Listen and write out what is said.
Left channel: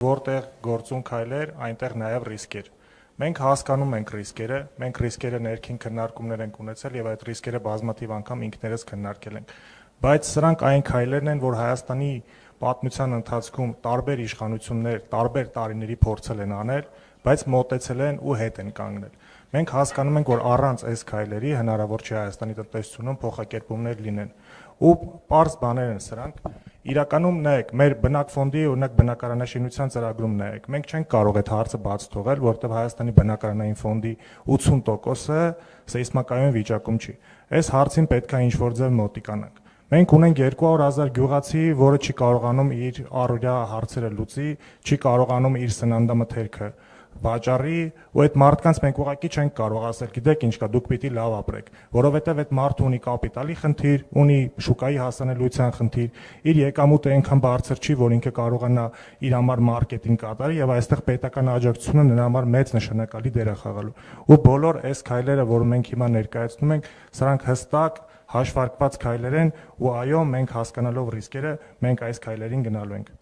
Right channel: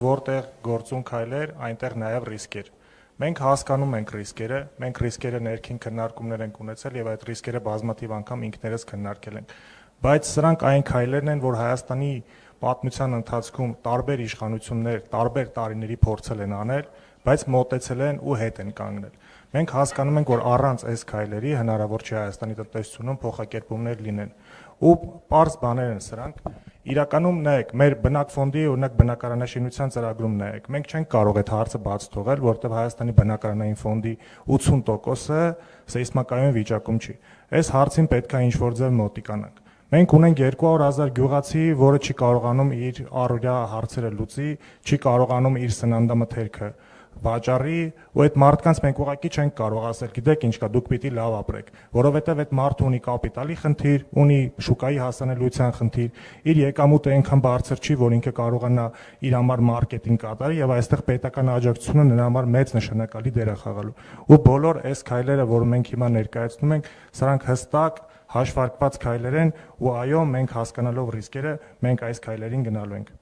Որտեղ գործուն քայլեր, այնտեղ նաև ռիսկեր։ Մենք հասկանում ենք ռիսկերը, մենք ռիսկերը ներքին քննարկումներ ենք ունեցել եւ այդ ռիսկերը բազմաթիվ անգամ ինքներս քննարկել ենք։ Բայց սրանք այն քայլերն են, որ Հայաստանի պատմության ընթացքում տարբեր իշխանություններ, տարբեր տարիների փորձել են անել, բայց մոտեցել են ու հետ են կանգնել։ Մենք հասկանում ենք, որ առանց այս քայլերի հնարավոր չէ Հայաստանի տնտեսությունում փոխակերպումներ լինեն։ Ու պարզ բաներ են սրանք։ Իրականում նայեք, մեր բնակֆոնդի օրինակ բնակարանաշինության ծրագրում նայեք, մենք չենք կարող այդ հարցը բաց թողել, որովհետև Հայաստանի բնակարանային ֆոնդի 80%-ը սեյսմակայուն վիճակում չի։ Այս հարցին պետք է ինչ-որ ձև մոտիկանանք։ Մենք ունենք 200,000 գյուղացի, որը չի կարողանում իր առօրյա հարցերը լուծի, չի կարողանում իր սննդամթերքը վաճառի, ու այդ մարդկանց մենք ուղղակի չենք կարող ասել, գիտեք ինչ կա, դուք պիտի լավ ապրեք, որովհետև այդ մարդը ունի կապիտալի խնդիր, ունի շուկայի հասանելիության խնդիր, իր եկամուտը այնքան բարձր չի, որ ինքը կարողանա իր համար մարքեթինգ կատարի, եւ այստեղ պետական աջակցությունը նրա համար մեծ նշանակալի դեր է խաղալու։ Ու բոլոր այս քայլերը, որ մենք հիմա ներկայացնում ենք, սրանք հստակ հաշվարկված քայլեր են, ու այո, մենք հասկանալով ռիսկերը, մենք այս քայլերին գնալու ենք։